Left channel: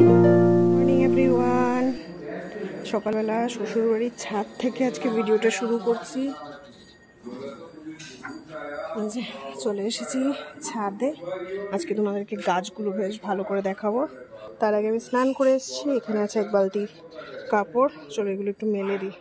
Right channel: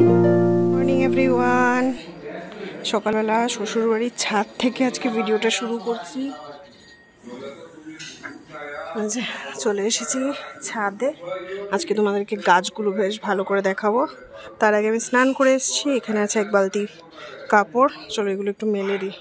Morning everyone. সকালবেলা শ্বশুরবাড়ির ছাদ থেকে আজকে ভিডিওটা শুরু করছি। চলে এসেছি ছাদে। আজকে তোমাদেরকে গাছগুলো বেশ ভালো করে দেখাবো। তার আগে আমি স্নান করে এসেছি। এখানে আছে এক বালতি কাপড়, চলো এগুলো একটু মেলে দিই।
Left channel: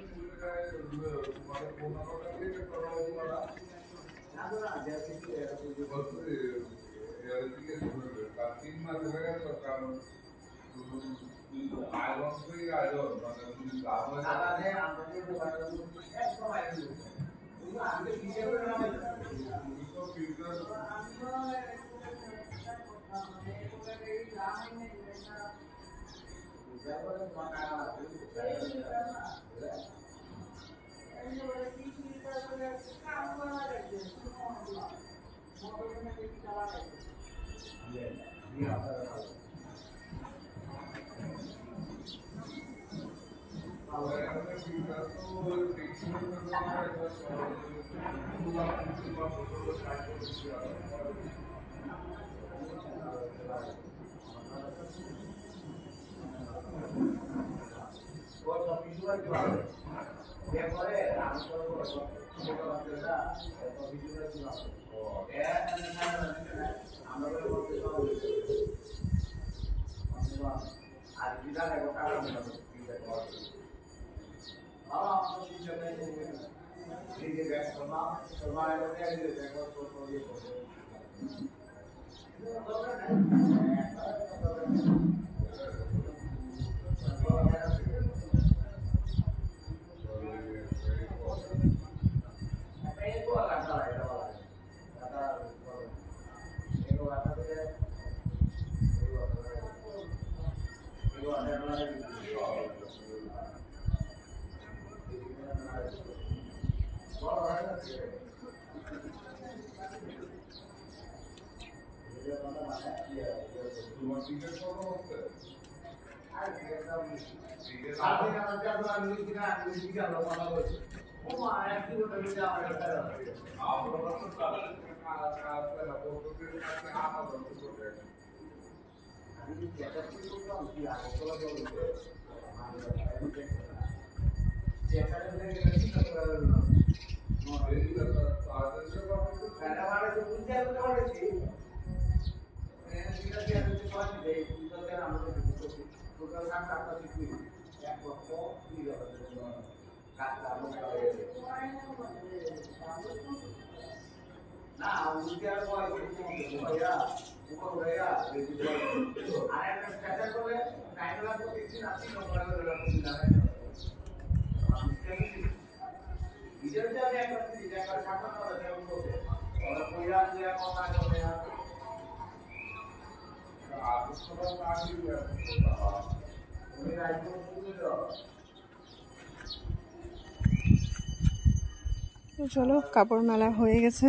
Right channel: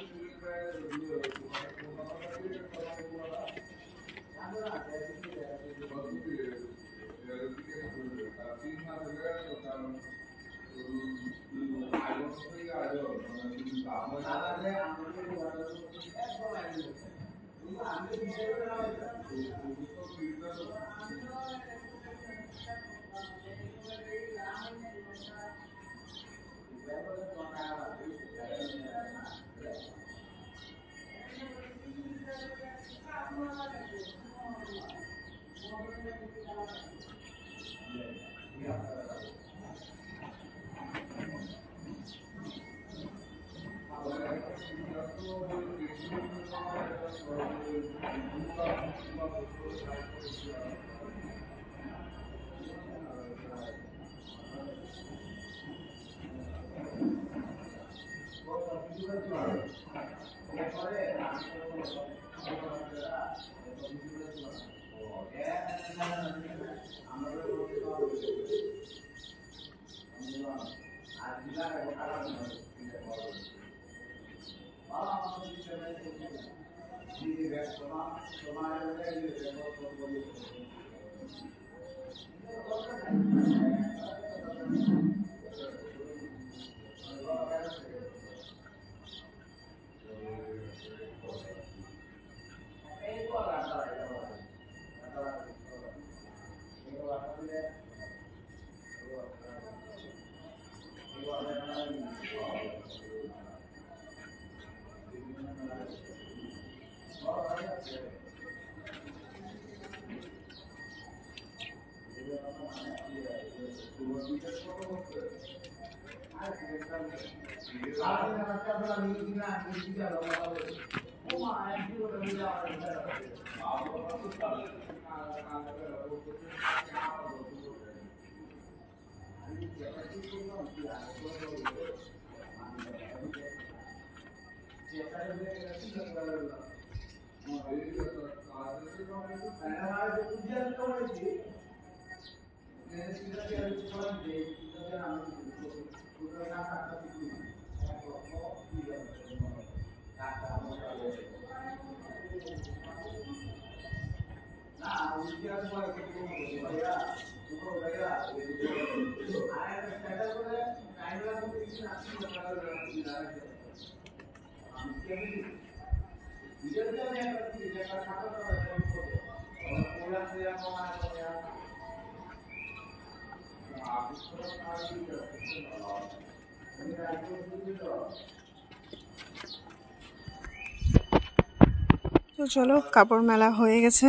তো চলো, কাপড় মেলা হয়ে গেছে।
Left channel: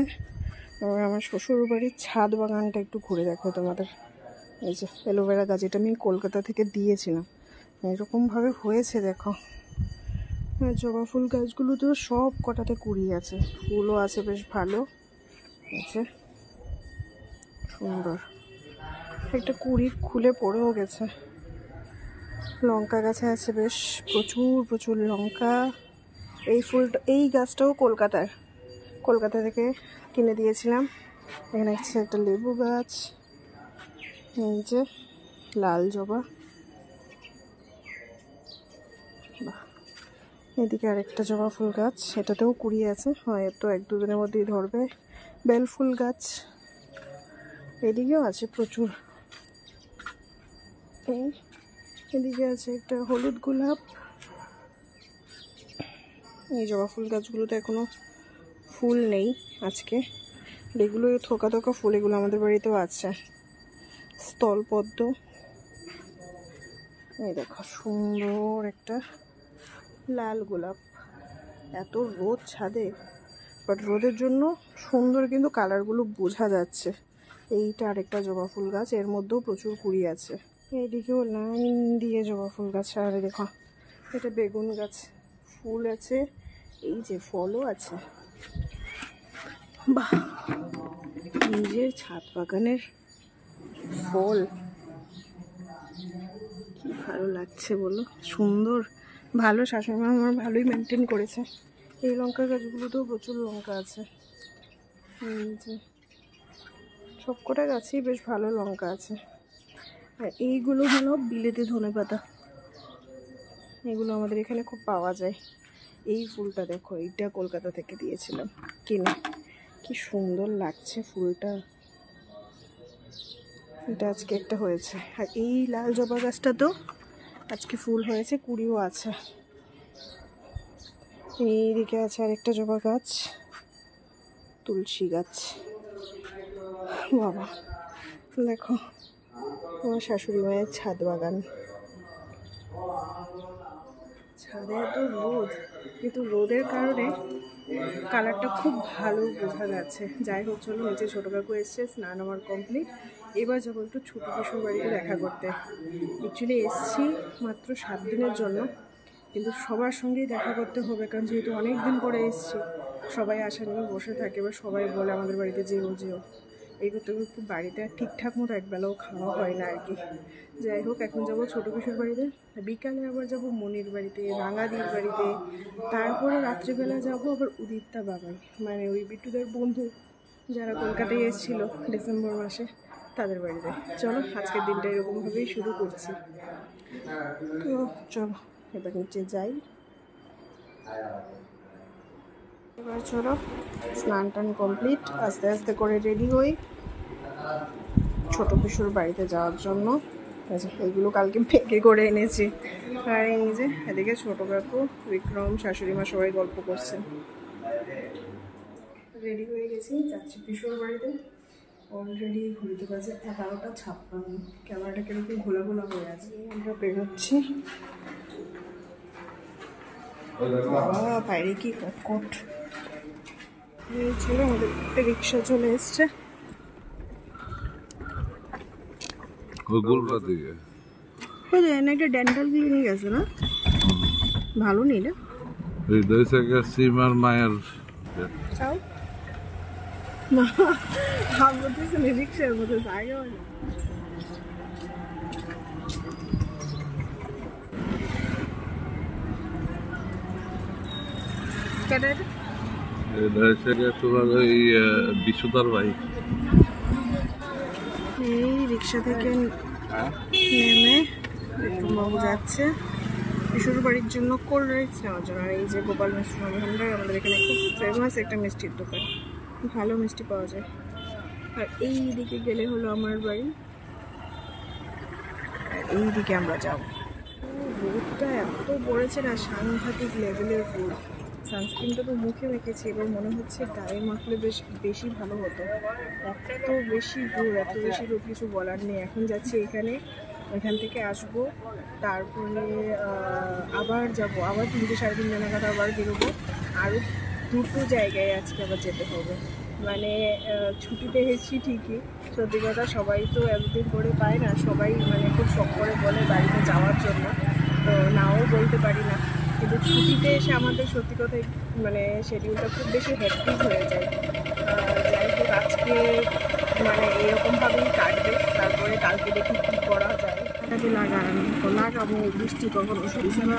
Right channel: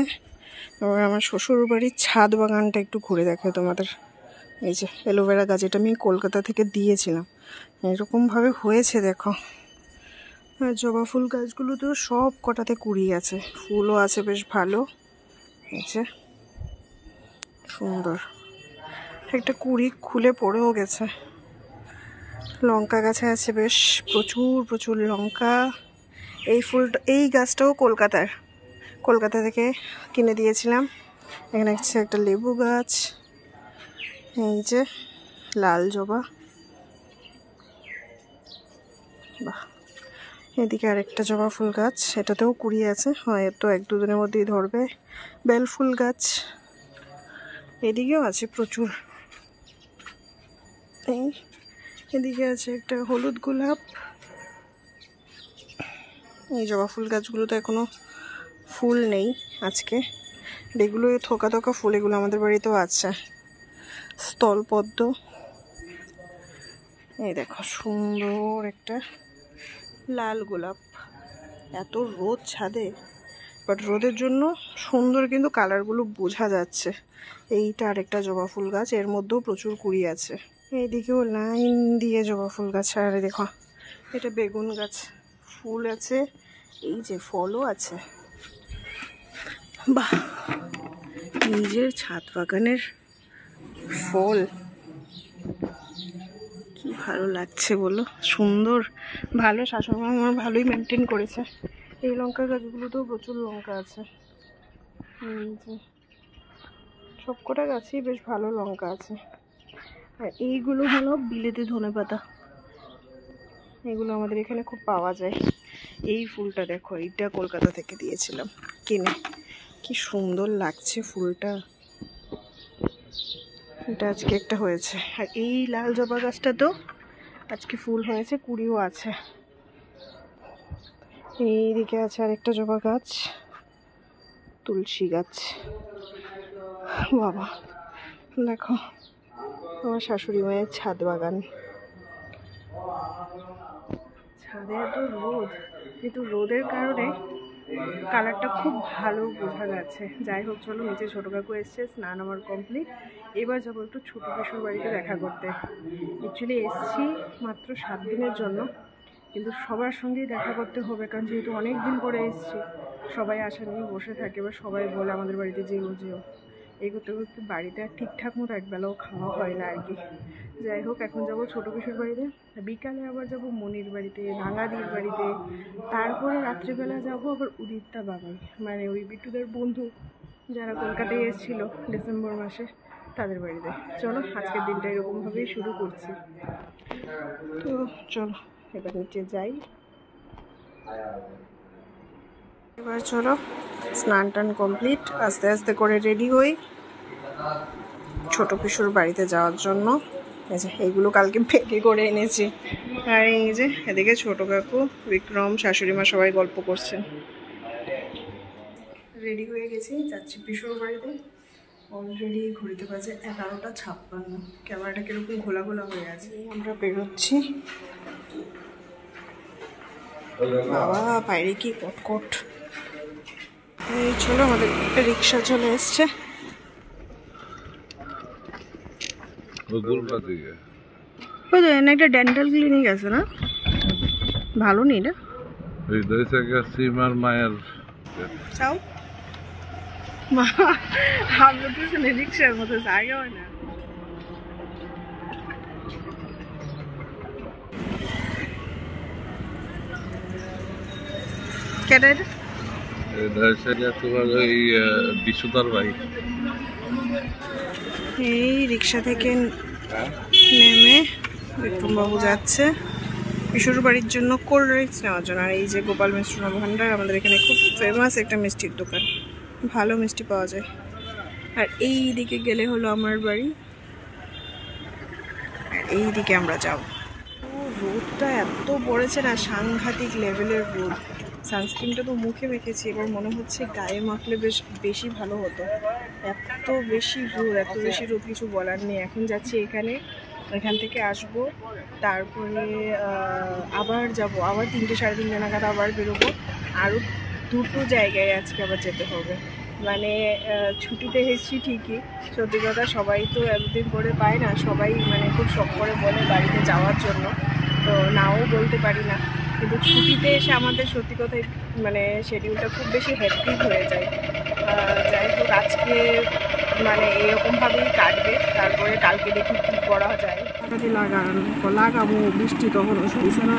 এবার আমার শ্বশুর বাড়ির ছাদ বাগানটা একটু ঘুরে দেখায় তোমাদের। এই যে অ্যালোভেরা গাছ, এটা আমি কলকাতা থেকে দিয়েছিলাম। এরকমভাবে হয়েছে দেখো। আর জবা ফুল গাছগুলো তো সব কটাতে কুড়ি আছে, ফুলও আছে বেশ ভালো। এই যে সুন্দর একটা কুড়ি খুলে পড়েও গেছে। লঙ্কা গাছে আছে বেশ প্রচুর প্রচুর লঙ্কা। এই ফুলটা, এই গাছটাও কলকাতা থেকে কিনে দিয়েছিলাম। এখানে আছে একটা লেবু গাছ, এই যে লাল জবা, বাহ। এদিকে আরেকটা জবা ফুল গাছ, এটাতেও কুড়ি আছে, হয়তো এক দুদিনের মধ্যেই ধরবে। বেল ফুল গাছ এদিকেও আছে প্রচুর। এই এদিকে আছে একটা হলুদ গোলাপ। এই জবা ফুল গাছগুলোতে এখনো ফুল নেই আজকে। এগুলো থোকা থোকা ফুল, এগুলো আমাদের বাড়িতেও আছে। স্থলপদ্ম, এই দেখো সুন্দর একটা লাল গোলাপ। এত রোদ ছাদে, বাট রোদের জন্য সুন্দর কিন্তু কালারগুলো বোঝা যাচ্ছে। এইটা আরেকটা জবা ফুল গাছ, এর মধ্যেও প্রচুর কুড়ি আছে। এইদিকেও লাইন দিয়ে জবা ফুল গাছ। আর দেখো এটা বেগুন গাছ, ফুল আছে, এই যে ফলও আছে। বাহ, নিজের ছাদ বাগানের ফল ভালো লাগছে বলো, সুন্দর, ভালো। শাশুড়ি মা আমার ভালোই মেনটেন করেছে। এই লঙ্কা গাছগুলোতেও প্রচুর লঙ্কা আছে, যে সবকটা গাছেই বেশ ভালো লঙ্কা আছে। আর এইগুলো হলো বিলেতি ধনেপাতা, এগুলো আমাদের এখানে খুব পাওয়া যায়। এই ফুলটা দেখো, এইটা কলকাতা থেকে দিয়েছিলাম কিনে, কি সুন্দর লাগছে ফুলটা। এটা আজকে একটা হয়েছে। আর এই লাল জবা গাছটা তো আজকে ফুল হয়েছে, কুড়িও আছে। এইদিকে আছে আরেকটা জবা গাছ, তুলসী গাছ। বাবা দেখো, আমার শাশুড়ি মায়ের ছাদ বাগান। ছাদে এত রোদ, কিন্তু রোদের কারণে কালারটা খুব ভালো বোঝা যাচ্ছে। যাই হোক, চলো নিচে ছোটো কাকু এসছে, স্নান আমার কমপ্লিট। এবার যাবো একটু ছোটো পিসুর বাড়িতে দেখা করতে। অ্যাকচুয়ালি এসছি মাত্র 7 দিনের জন্য, কিন্তু সবার সঙ্গেই দেখা করতে হবে, কারণ যেহেতু অনেক দিন পরে এসছি, সবাই আশা নিয়ে বসে থাকে। এবার সবাই বলে আমাদের বাড়িতে যেও যেও, এই করতে করতে বাড়িতে আর ঠিকঠাক মতো একবেলাও খাওয়া হয় না আর কি। যাই হোক, এখন যাবো ছোটো পিসুর বাড়িতে, বিকালে আবার যাব মনির বাড়িতে, রাঙাদির বাড়িতে, তারপরে রাত্রিবেলা যাব আবার উদিতটা বাবাই, মানে ওই বিট্টুদের বন্ধু যারা কলকাতায় এসেছিলো ডিসেম্বর মাসে, তাদের বাড়িতে। চলো, আজকের দিনটা এরকমভাবেই শুরু করছি। তো চলো এবার নিচে যাই। এবার চলো স্নান টান কমপ্লিট, আস্তে আস্তে করে রেডি হই ছোটো পিসুর বাড়িতে যাওয়ার জন্য। এই যে এইগুলো কালকে প্যাকে করে এনেছি। আর এই যে এদিকে ছোটো কাকু, বিক্রম, শাশুড়ি মা সবাই গল্প করছেন। রেডি হয়ে গেছি, যাচ্ছি পিসুর বাড়িতে। অলরেডি ঘড়িতে বাজে 11:56। ক্যামেরাটা কিরকম ঘোলা ঘোলা হয়ে আছে। আমরা বেরোচ্ছি। বাবা বাইরে কি কটকট। এই চলো, আমাদের রিক্সা চলে এসছে। একটা ডেন্টাল ক্লিনিক আছে না, ভালো নেই না? মায়ের हम लोग तो रिक्शा मতো জায়গা হয় না। এই রিক্সা থেকে নেমে বিক্রমবাবু যাচ্ছে পিসুর বাড়ির জন্য কোল্ড ড্রিঙ্কস নেওয়ার জন্য। আর এই যে গোপাল মিষ্টি ভান্ডার, আমাদের এখানে খুব ফেমাস একটা মিষ্টির দোকান, ভালো মিষ্টি পাওয়া যায়। আর এই দিকে গেলে হলো আমার বাড়ি, আর এই দিকে আমরা যাব। রোদটা এত পড়েছে না, সাংঘাতিক লেভেলের রোদ। সানস্ক্রিনটা তো মুখে মেখেছি, এবার মনে হচ্ছে গায়ে মাখলে বেশি ভালো হতো। এত বেশি রোদ, এত বেশি রোদ, কিছু বলার নেই। এখন যাচ্ছি এখান থেকে আসবো, তারপরে আবার যাব, আবার 3টে 3:30 নাগাদ আবার বেরোবো। আরও 2টো জায়গায় আজকে আবার যেতে হবে। মানে ছুটিতে এসেছি ঠিকই, সত্যি কথা সবাই তো এতদিন করে পায় না, সবাই মানে খুব শখ করে বলে বাড়িতে যাওয়ার জন্য, তো নাও বলতে পারি না। কিন্তু ছুটিতে এসে আমাদের সত্যি কথাই মানে শিডিউলটা খুব বেশি হেক্টিক হয়ে যায়। যাই হোক, আজকে মানে এরকমভাবেই কাটবে, তারপরে কালকে দেখি কী করা যায়। লাগাবো, বৃষ্টি তখন শুনছে না।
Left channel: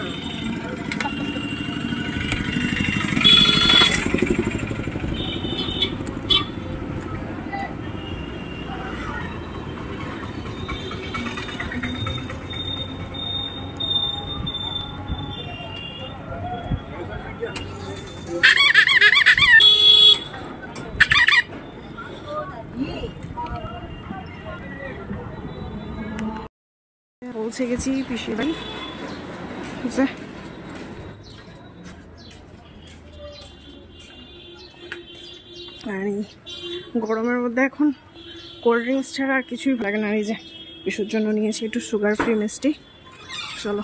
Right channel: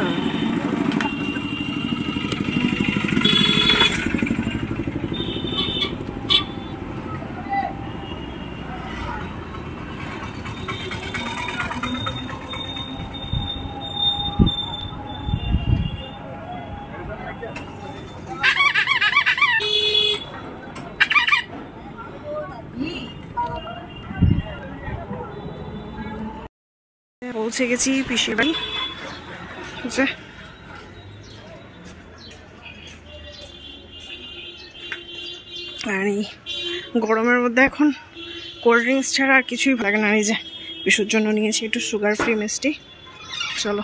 পৌঁছে গেছি পিসির বাড়ি। আর এই গরমের মধ্যে এখন কোল্ড ড্রিঙ্কস ছাড়া আর কিছুই ভালো লাগে না। এই যে পিসুর জন্য নিয়েছি একটু সুগার ফ্রি মিষ্টি। চলো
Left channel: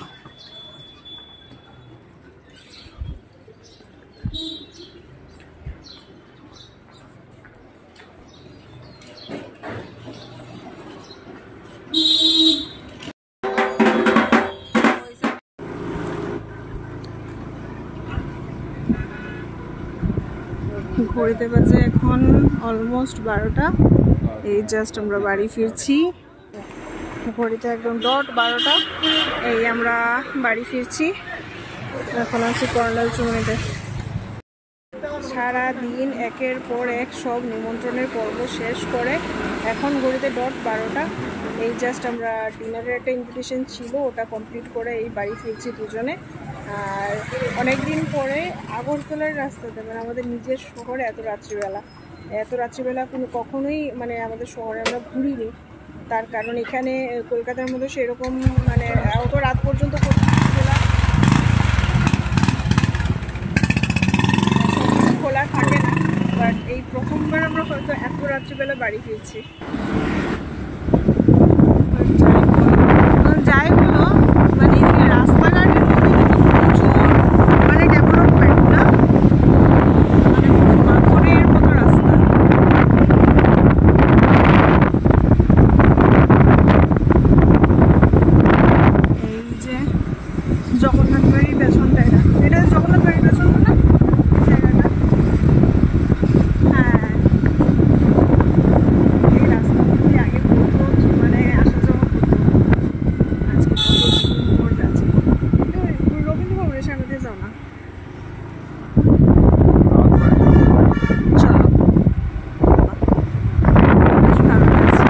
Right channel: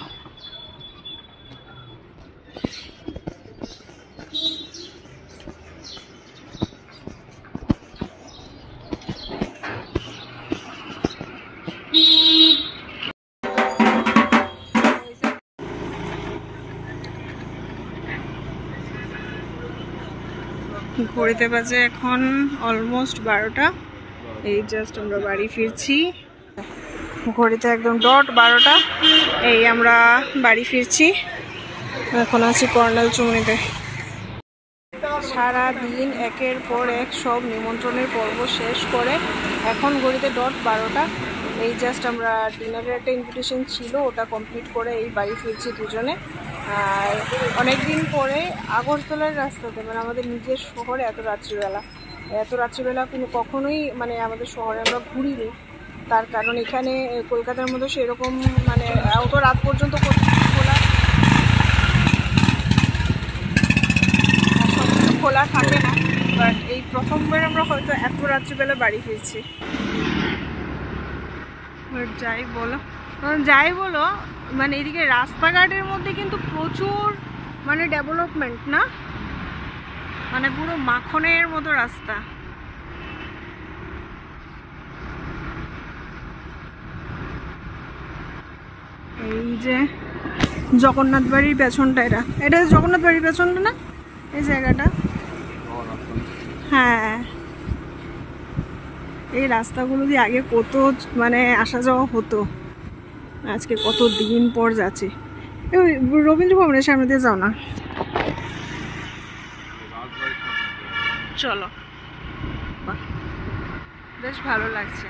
ঘড়িতে বাজে এখন অলমোস্ট 12টা। এই জাস্ট আমরা বাড়ি ফিরছি। ঘড়িতে একদম ডট 12টা। এই আমরা বাড়ি ফিরছি, এখন আছি কর্নাল চুমনিতে। সারা দিন একের পর এক সব নিমন্ত্রণের পর্ব শেষ করে এখন ঘড়িতে ডট 12টা। এই জাস্ট আমরা ডিনারের একটা ইনভিটেশন ছিল, ওটা কমপ্লিট করে এই বাড়ি ফিরছি দুজনে। আর অনেক দিন পরে আগরতলার রাস্তাতে, মানে আমাদের নিজের শহরে এত রাত্রিবেলা কখনোই মানে আমাদের শহরে আমরা ঘুরিনি। তার কারণ এখানে কলকাতার মধ্যে সেরকম মানে অত রাত পর্যন্ত খোলা থাকে না। বাট এই প্রথমবার আমরা হয়তো এত রাত্রিবেলা বাড়ি ফিরছি। যাই বলো মানে এদিকে রাস্তাঘাটের মধ্যে কিন্তু প্রচুর মানে ডেভেলপমেন্ট না, মানে পুরো মাখনের মতো রাস্তা। এই যে জগন্নাথ বাড়ির পেছনটা, এটা জগন্নাথ বাড়ির পেছনটা না এই জায়গাটা? হ্যাঁ, এই রাস্তাগুলো দিয়ে আগে কত মানে আসা যাওয়া হতো, আজকে কত দিন পর যাচ্ছে। রবীন্দ্র ভবনের সামনে দিয়ে যাও না, চলো। বেশ ভালো লাগছে।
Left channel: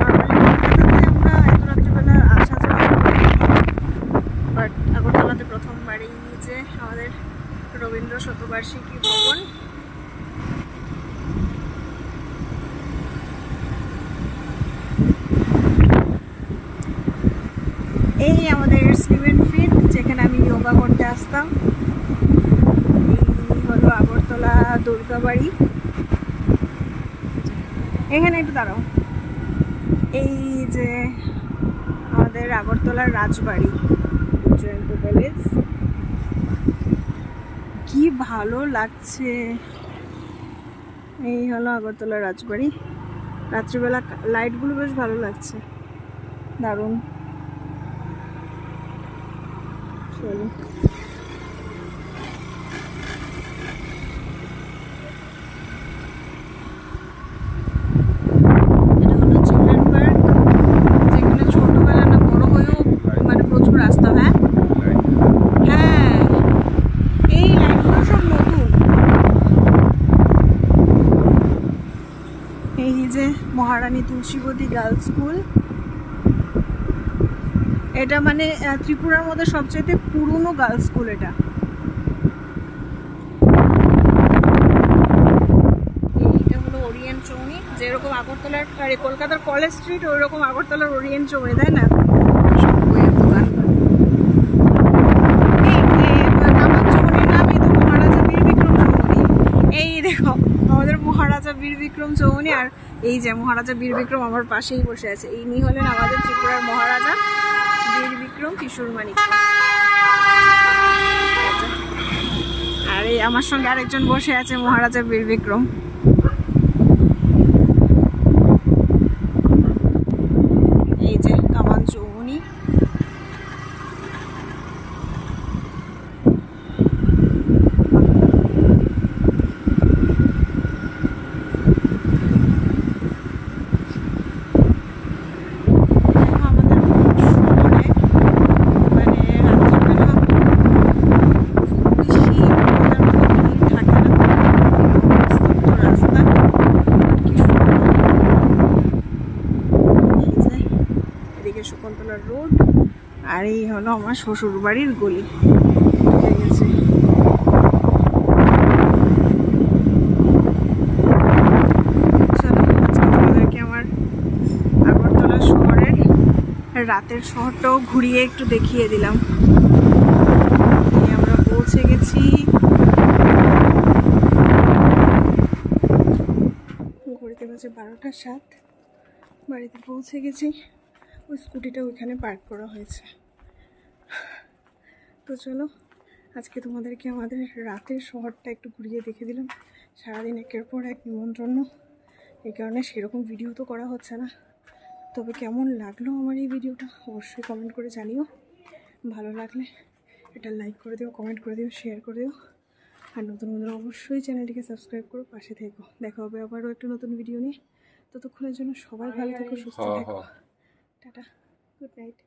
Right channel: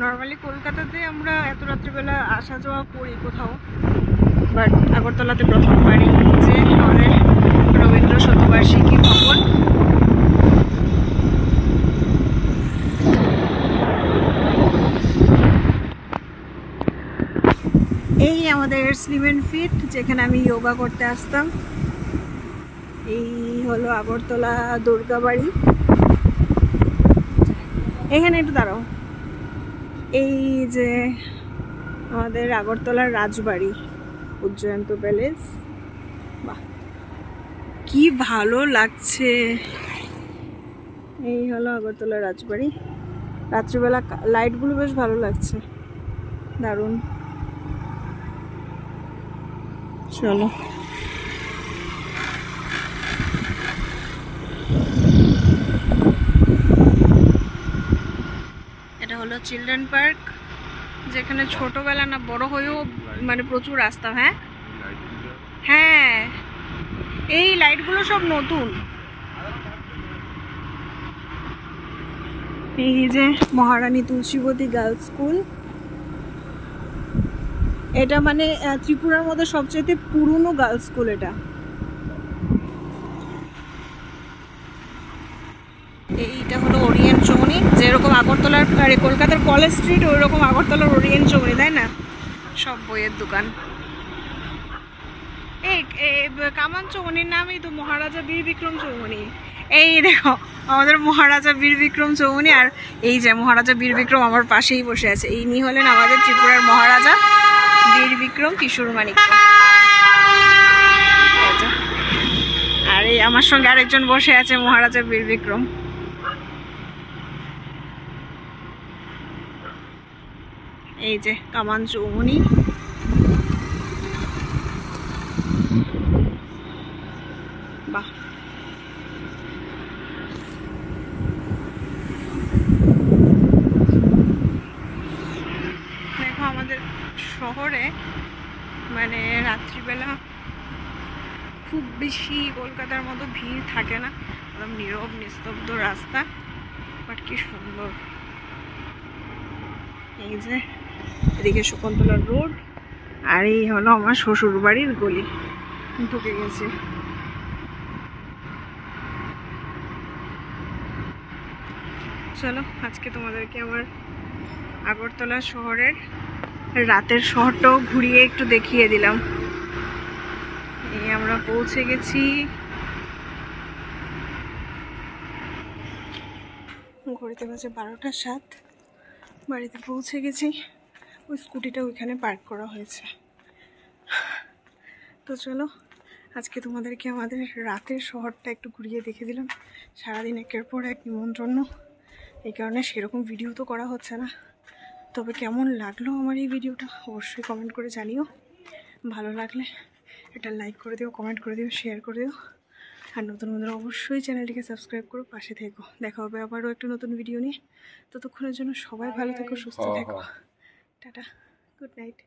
নর্মালি কলকাতাতে আমরা এত রাত্রিবেলা আসা যাওয়া করি, বাট আগরতলাতে প্রথমবারই যে আমাদের রবীন্দ্র শতবার্ষিকী ভবন। এই আমাদের স্লিমেন ফিট, যেখানে আমি যোগা করতে আসতাম। এই হলো আগরতলা দুর্গাবাড়ি। এখানে একটু দাঁড়াও। এই যে আমাদের আগরতলার রাজবাড়ি, উজ্জয়ন্ত প্যালেস। কি ভালো লাগছে। এই হলো আগরতলা রাজবাড়ি। রাত্রিবেলা লাইটগুলো বেশ ভালো লাগছে, দারুণ। চলো। এটা হলো চিলড্রেন পার্ক, যেখানে ছোটবেলা না বড় হয়েও মানে প্রচুর রাস্তা। হ্যাঁ হ্যাঁ, এই লাইটগুলো সব নতুন। এই যে মহারানী তুলসীবতী গার্লস স্কুল, এটা মানে ত্রিপুরার মধ্যে সবচেয়ে পুরনো গার্লস স্কুল এটা। এইটা হলো ওরিয়েন্ট চৌমনি, যেরকম আগরতলার কলকাতার কলেজ স্ট্রিট ওই রকম আগরতলার ওরিয়েন্ট চৌমনি, তাই না? সব বইয়ের দোকান। কামান চৌমনির নামই তো মহারাজা বীর বিক্রম চৌমনি। এই দেখো আমাদের মহারাজা বীর বিক্রম চৌমনি, আর এই যে মহারাজা বীর বিক্রম আমার পাশেই বসে আছে। ইনি হলেন আমাদের ত্রিপুরার মহারাজা বীর বিক্রম কিশোর মানিক্য। আর এই আমার সঙ্গে আরেকজন বসে আছে মহারাজা বীর বিক্রম। এই যে কামান চৌমনি। এদিকে শকুন্তলা রোড, আর এই হলো আমার শ্বশুর বাড়ির গলি। ঢুকে গেছে। চলো আজকে তোমাদেরকে আমার আগরতলা শহরের রাতের শহরটাও ঘুরিয়ে একটু দেখিয়ে দিলাম। আমরা পৌঁছে গেছি। ঘড়িতে বাজে 12টা 7। বাড়িতে পৌঁছে গেছি। ওই স্কুটিটা ওইখানে পার্ক করা হয়েছে। তো চলো আজকে তোমাদেরকে আমাদের রাতের শহরটা একটু ঘুরিয়ে দেখে দিলাম। সারাদিন একের পর এক নিমন্ত্রণ, এই কারণে সেরকম ভিডিও তো করা হচ্ছে না। তবে কেমন লাগলো আমার এই ভিডিওটা অবশ্যই কমেন্ট করে জানিও। ভালো লাগলে এটা লাইক করে দিও, কমেন্ট করে দিও, শেয়ার করে দিও। আর নতুন বন্ধুরা অবশ্যই চ্যানেলটিকে সাবস্ক্রাইব করো, পাশে থেকো। দেখা হবে আবারও একটা নতুন ভিডিও নিয়ে। ততক্ষণের জন্য সবাই ভালো থেকো, সুস্থ থেকো। টাটা। Good night.